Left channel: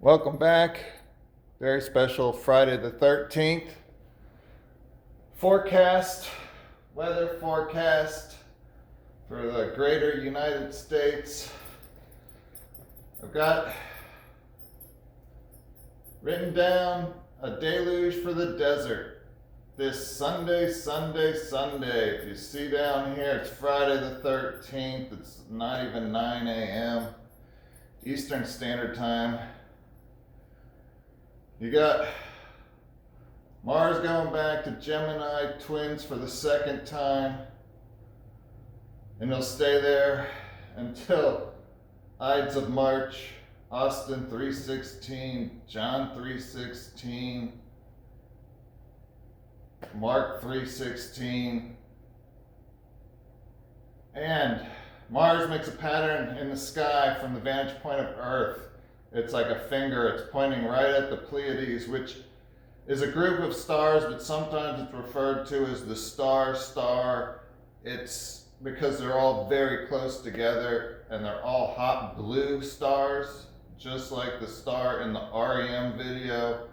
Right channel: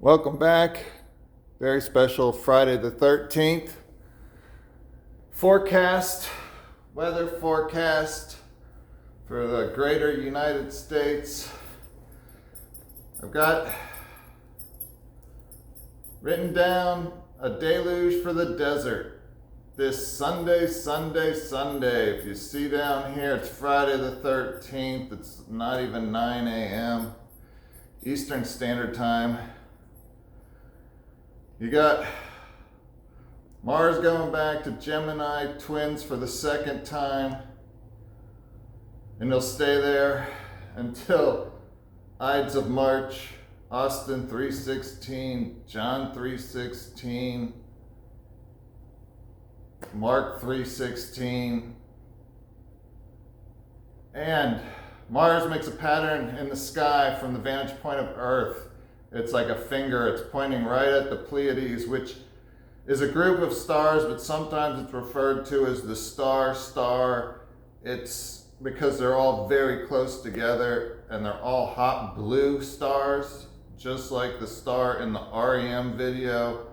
Welcome back. Very special Friday the 13th. Weather forecast for the greater United States. I've got written down a deluge for the desert this Sunday. If you see down here, it's Friday the 13th. It's not even 9 a.m. Eastern Standard Time. You got Mars going back to Gemini twins for the second time, and they'll stay there until Ides of March, Austin 316, John 316, Mark 316, and Mars makes a pattern in the sky from the vantage point of Earth. It's like a finger, it's pointing right at the Pleiades, which is a group of stars, but sometimes it's referred to as the star. It's because they're all very close together and they're all hot blue stars, just like the star in the REM video.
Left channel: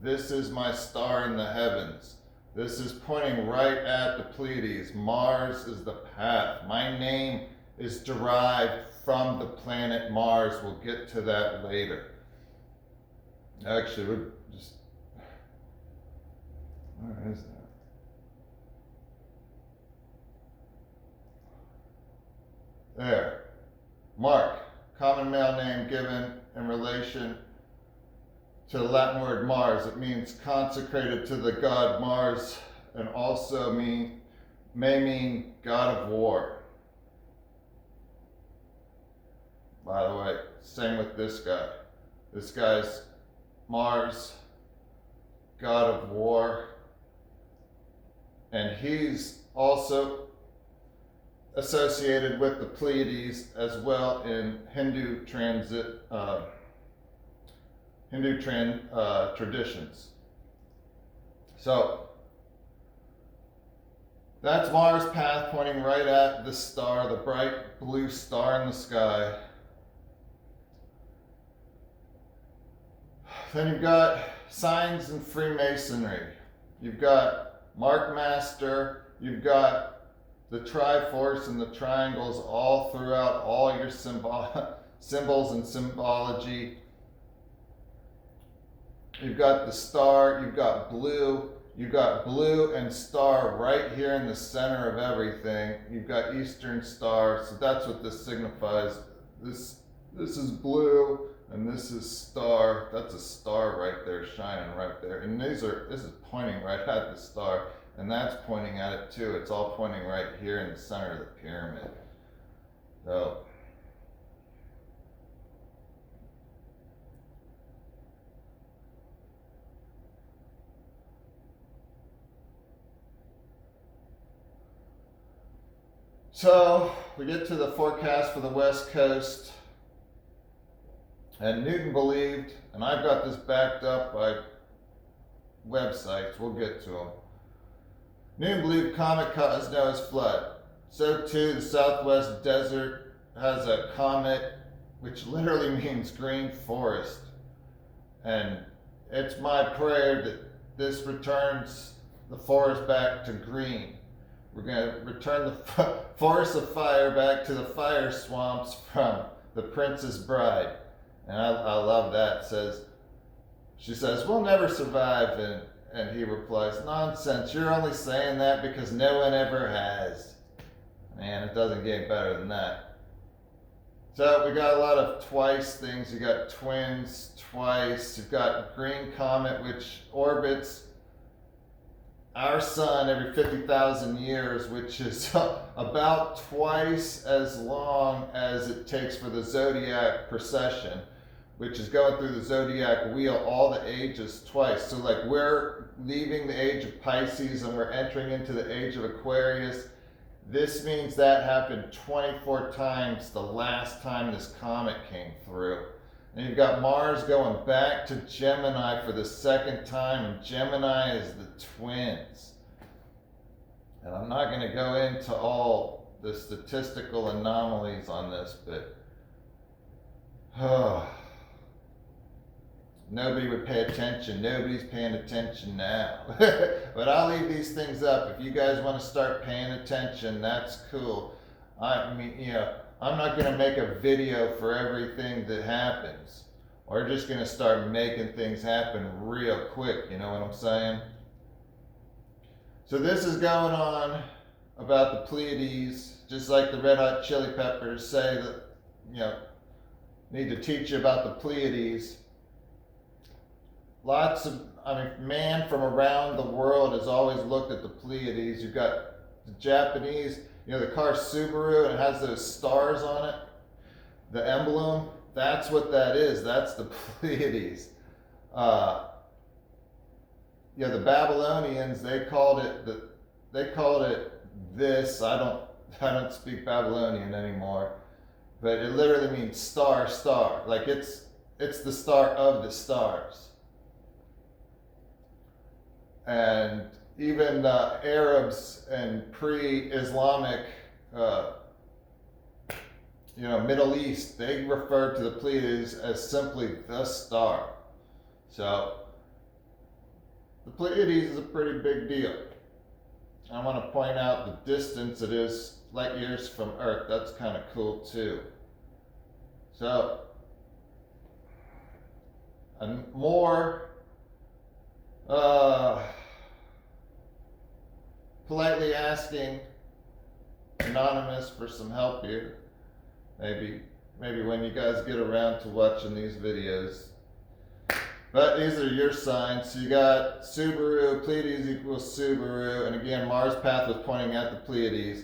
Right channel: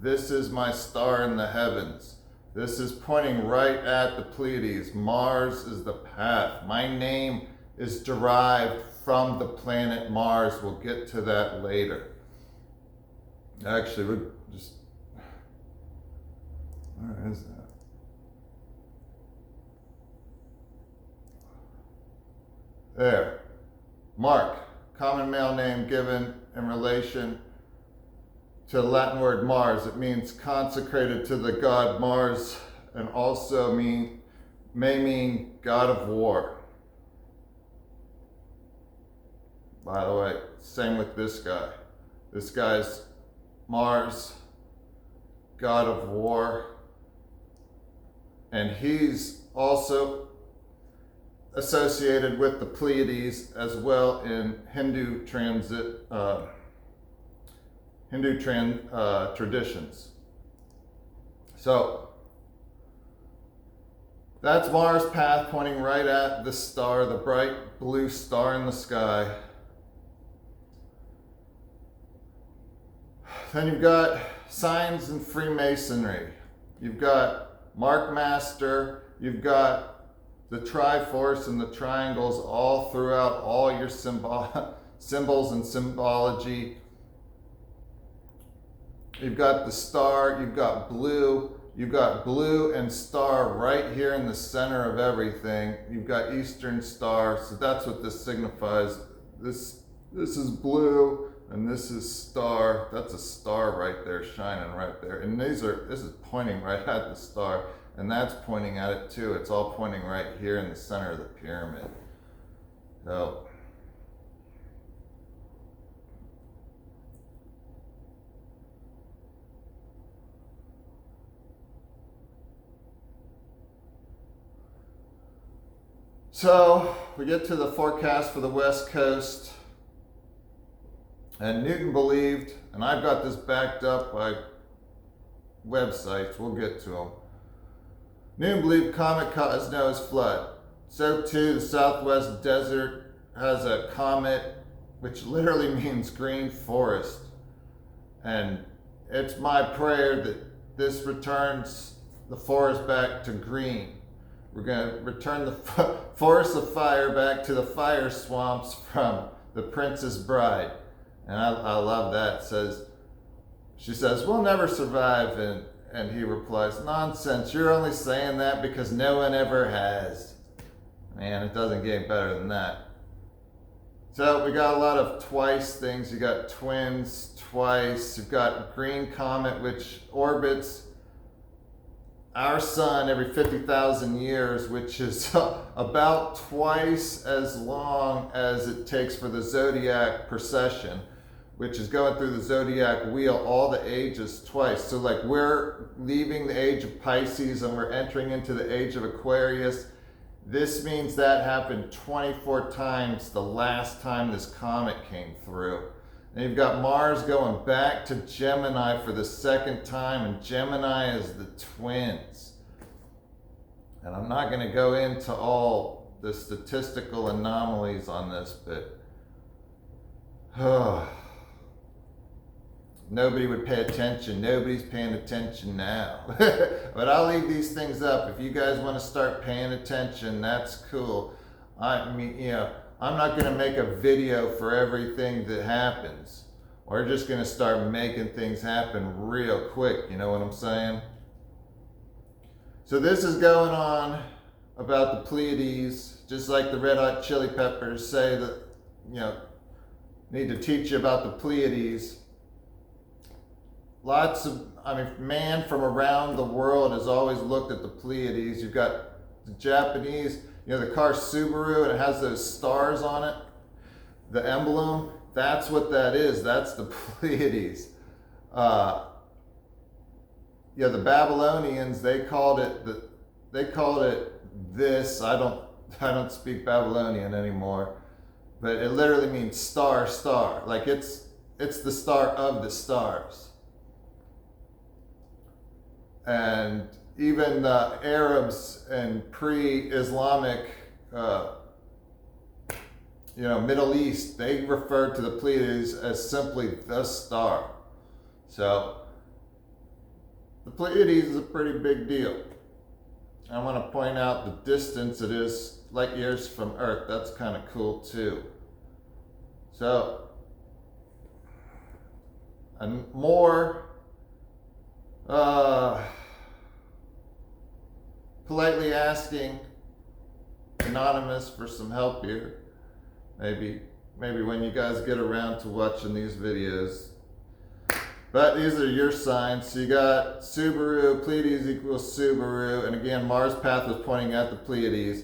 This is my star in the heavens. This is pointing right at the Pleiades. Mars is the path. My name is derived from the planet Mars. We'll get to that later. Actually, we're just... Where is that? There. Mark, common male name given in relation to the Latin word Mars. It means consecrated to the god Mars, and also may mean god of war. By the way, same with this guy. This guy's Mars, god of war, and he's also associated with the Pleiades as well in Hindu traditions. So that's Mars' path pointing right at the star, the bright blue star in the sky. Then you've got signs in Freemasonry. You've got Mark Master. You've got the Triforce and the triangles all throughout all your symbols and symbology. You've got the star. You've got blue. You've got blue and star right here in the center of everything. You've got Eastern Star. So that's what this signifies. This is blue. And this is star. That's a star right there, shining right there. And this is pointing right at the star, and that's pointing at it too. It's all pointing right here in the center of the pyramid. So we get to the forecast for the West Coast. And Newton believed, and I've got this backed up by websites, we'll get to them. Newton believed comet caused Noah's flood. So too, the Southwest desert has a comet, which literally means green forest. And it's my prayer that this returns the forest back to green. We're going to return the forest of fire back to the fire swamps from The Princess Bride. And I love that. She says, we'll never survive. And he replies, nonsense, you're only saying that because no one ever has. Man, it doesn't get better than that. So we got a lot of twice things. You got twins twice. You've got green comet, which orbits our sun every 50,000 years, which is about twice as long as it takes for the zodiac procession, which is going through the zodiac wheel, all the ages twice. So like we're leaving the age of Pisces and we're entering into the age of Aquarius. This means that happened 24 times the last time this comet came through. And you've got Mars going back to Gemini for the second time, and Gemini is the twins. And I'm not going to go into all the statistical anomalies on this, but nobody would pay attention. Nobody's paying attention now. But I'll leave these things up. If you guys want to start paying attention, that's cool. I mean, you know, I'm not going to make a video for everything that happens. We're just going to start making things happen real quick. You know what I'm saying? So this is going on about the Pleiades, just like the Red Hot Chili Peppers say that, you know, need to teach you about the Pleiades. Lots of, I mean, man from around the world has always looked at the Pleiades. You've got the Japanese, you know, the car Subaru, and it has those stars on it. The emblem, that's what that is. That's the Pleiades. Yeah, the Babylonians, they called it this. I don't speak Babylonian anymore, but it literally means star, star. Like it's the star of the stars. And even the Arabs and pre-Islamic, Middle East, they referred to the Pleiades as simply the star. So the Pleiades is a pretty big deal. I want to point out the distance it is light years from Earth. That's kind of cool too. So, and more politely asking Anonymous for some help here. Maybe when you guys get around to watching these videos. But these are your signs. So you got Subaru, Pleiades equals Subaru. And again, Mars path was pointing at the Pleiades.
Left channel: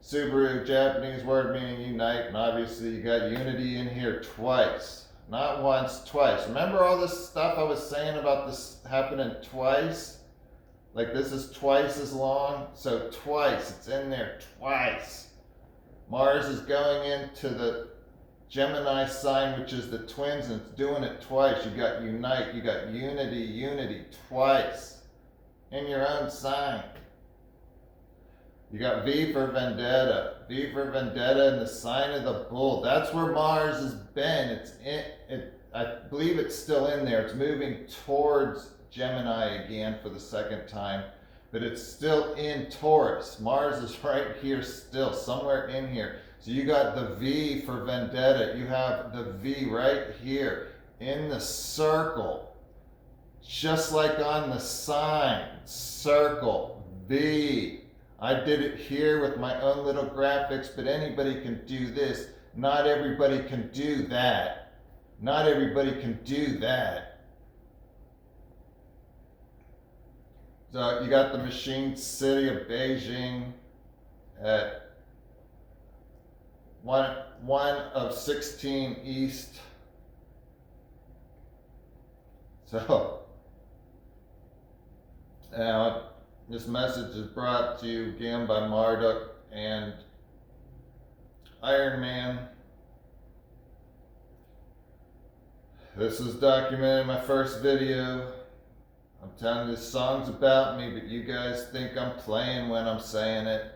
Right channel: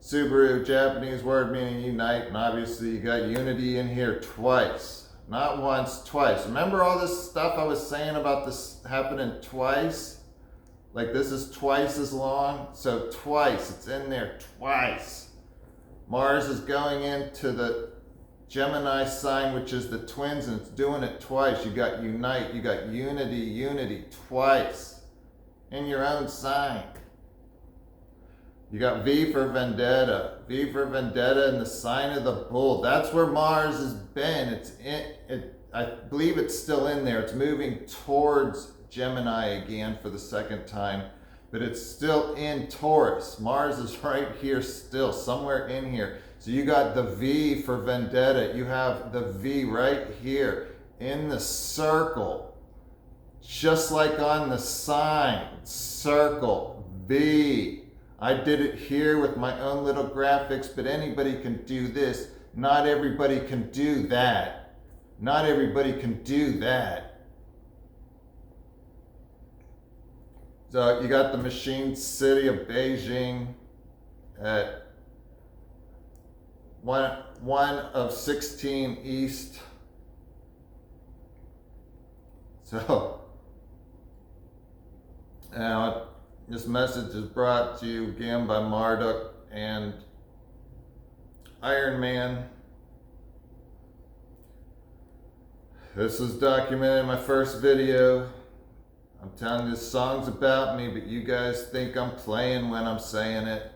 Subaru, Japanese word meaning unite. And obviously you got unity in here twice. Not once, twice. Remember all this stuff I was saying about this happening twice? Like this is twice as long. So twice, it's in there twice. Mars is going into the Gemini sign, which is the twins, and it's doing it twice. You got unite, you got unity twice in your own sign. You got V for vendetta in the sign of the bull. That's where Mars has been. I believe it's still in there. It's moving towards Gemini again for the second time, but it's still in Taurus. Mars is right here still, somewhere in here. So you got the V for vendetta. You have the V right here in the circle. Just like on the sign, circle, V. I did it here with my own little graphics, but anybody can do this. Not everybody can do that. Not everybody can do that. So you got the machine city of Beijing at 1 of 16 east. So now this message is brought to you again by Marduk and Iron Man. This was documented in my first video. I'm telling you, this song's about me, but you guys think I'm playing when I'm saying it.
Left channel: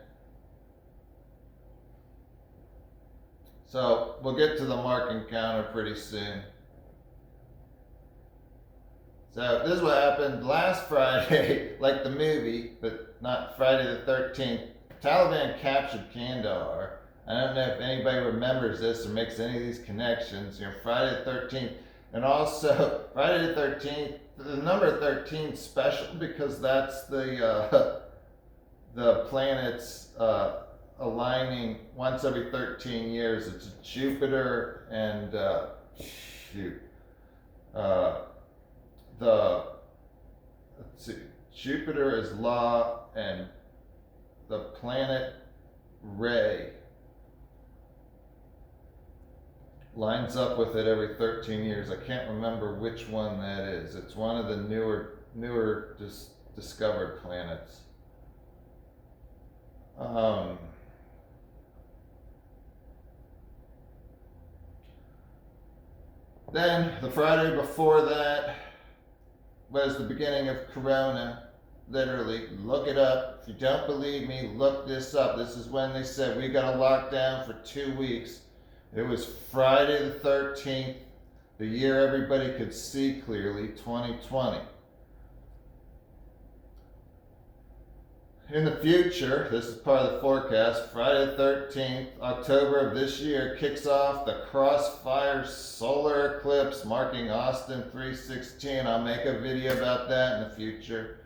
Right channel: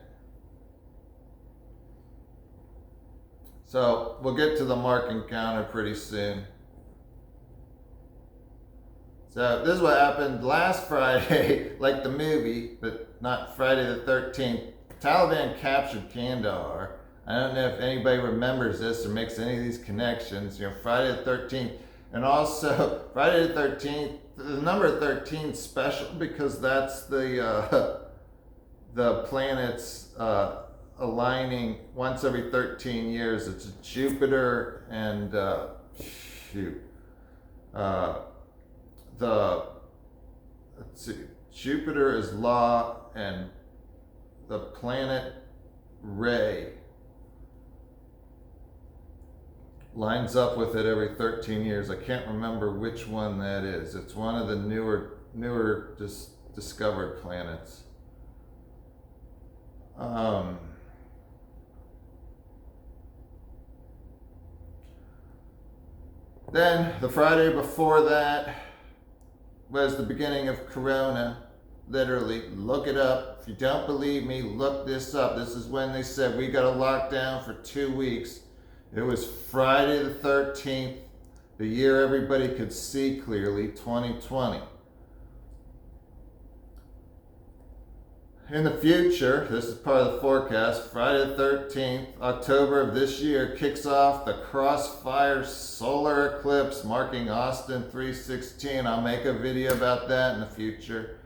So we'll get to the marking counter pretty soon. So this is what happened last Friday, like the movie, but not Friday the 13th. Taliban captured Kandahar. I don't know if anybody remembers this or makes any of these connections. You know, Friday the 13th. And also, Friday the 13th, the number 13 is special because that's the planets aligning once every 13 years. It's Jupiter and Jupiter is Law, and the planet Ray lines up with it every 13 years. I can't remember which one that is. It's one of the newer discovered planets. Then the Friday before that was the beginning of Corona. Literally, look it up. If you don't believe me, look this up. This is when they said we got a lockdown for 2 weeks. It was Friday the 13th. the year everybody could see clearly, 2020. In the future, this is part of the forecast, Friday the 13th, October of this year, kicks off the Crossfire Solar Eclipse marking Austin 316. I'll make a video about that in the future.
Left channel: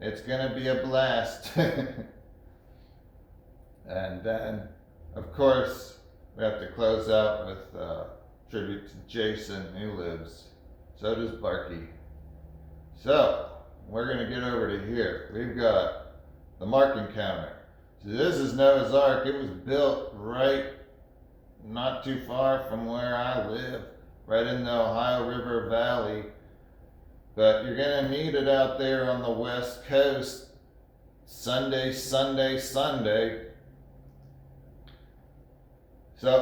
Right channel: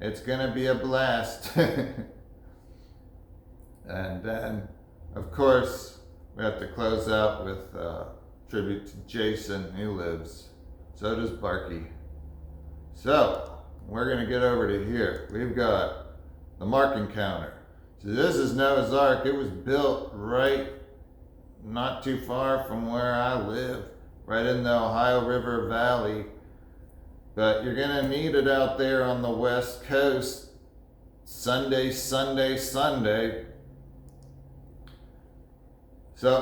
It's going to be a blast. And then, of course, we have to close out with tribute to Jason, who lives. So does Barky. So, we're going to get over to here. We've got the marking counter. So this is Noah's Ark. It was built right not too far from where I live, right in the Ohio River Valley. But you're going to need it out there on the West Coast Sunday. So,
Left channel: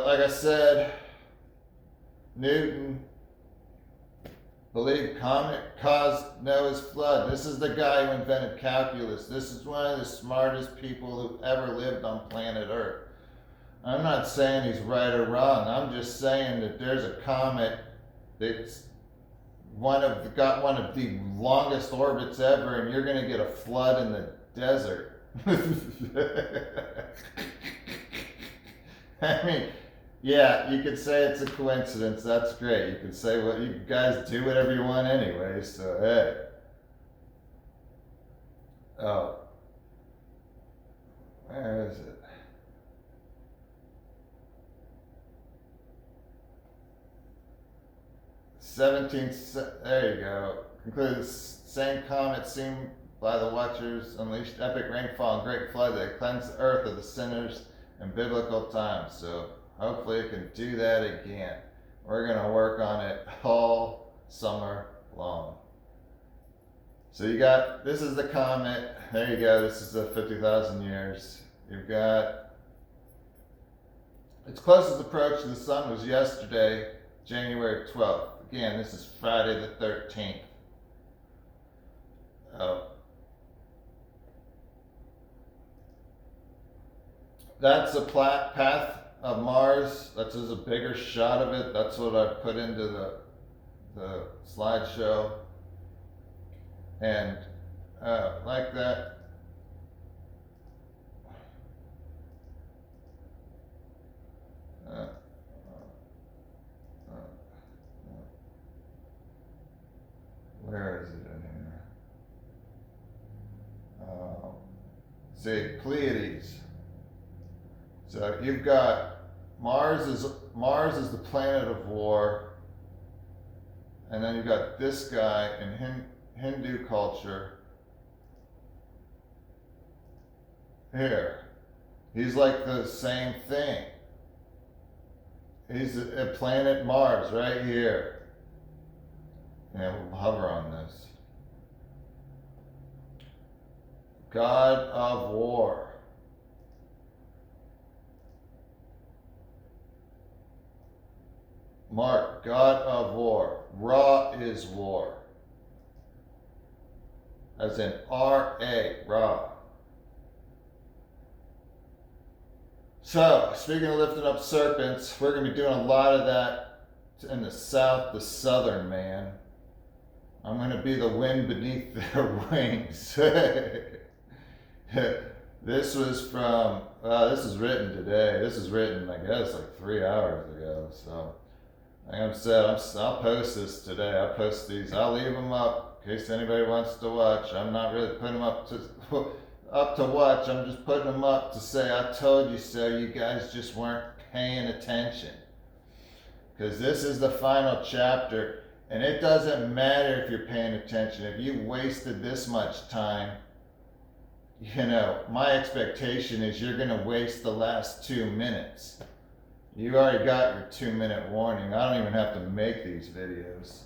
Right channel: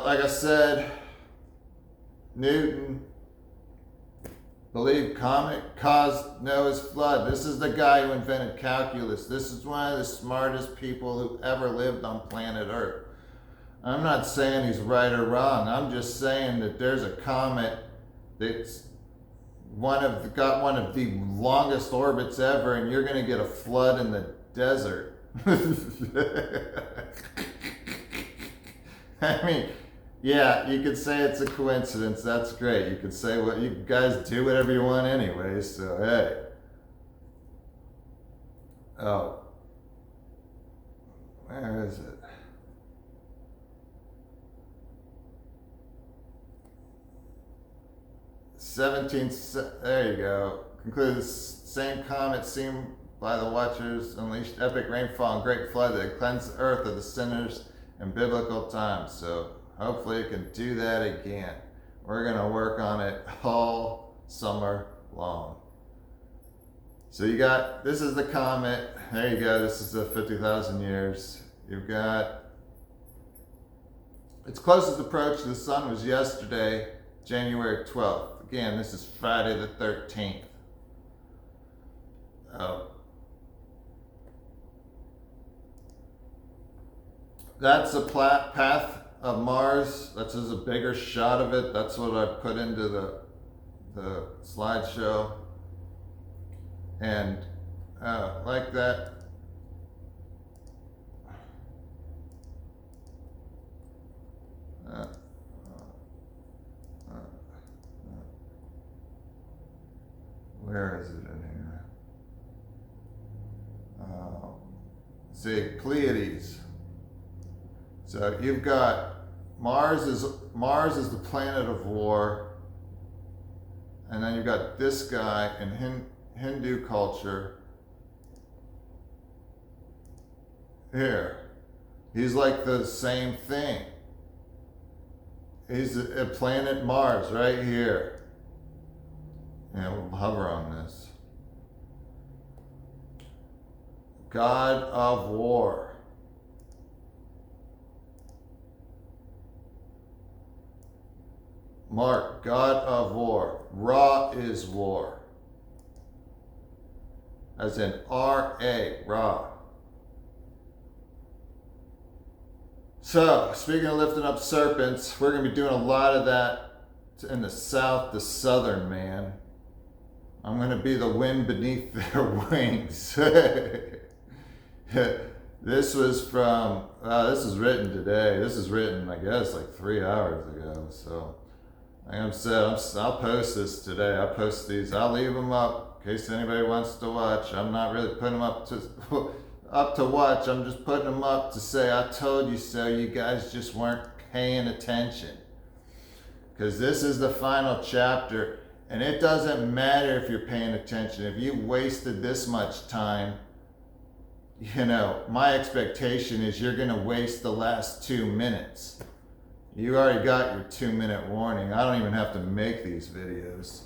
like I said, Newton believed comet caused Noah's flood. This is the guy who invented calculus. This is one of the smartest people who ever lived on planet Earth. I'm not saying he's right or wrong. I'm just saying that there's a comet that's got one of the longest orbits ever, and you're going to get a flood in the desert. I mean, yeah, you could say it's a coincidence. That's great. You could say what you guys do whatever you want anyway. So hey. Oh, where is it? There you go. Concluded the same comet seen by the watchers unleashed epic rainfall and great flood that cleansed the earth of the sinners in biblical times. So hopefully it can do that again. We're going to work on it all summer long. So you got, this is the comet. There you go. This is the 50,000 years. You've got, its closest approach to the sun was yesterday, January 12th. Again, this is Friday the 13th. That's the path of Mars. That's just a bigger shot of it. That's what I put into the slideshow. And like that. Where is it in here? See, Pleiades. So you've got Mars is the planet of war, and then you've got this guy in Hindu culture. Here, he's like the same thing. He's a planet Mars right here. Yeah, we'll hover on this. God of War. Mark, God of War. Ra is war. As in R-A, Ra. So, speaking of lifting up serpents, we're going to be doing a lot of that in the south, the southern man. I'm going to be the wind beneath their wings. This was from, this is written today. This is written, I guess, like 3 hours ago. So, like I said, I'll post this today. I'll post these. I'll leave them up in case anybody wants to watch. I'm not really putting them up to watch. I'm just putting them up to say, I told you so. You guys just weren't paying attention. Because this is the final chapter. And it doesn't matter if you're paying attention. If you wasted this much time, you know, my expectation is you're going to waste the last 2 minutes. You already got your 2-minute warning. I don't even have to make these videos.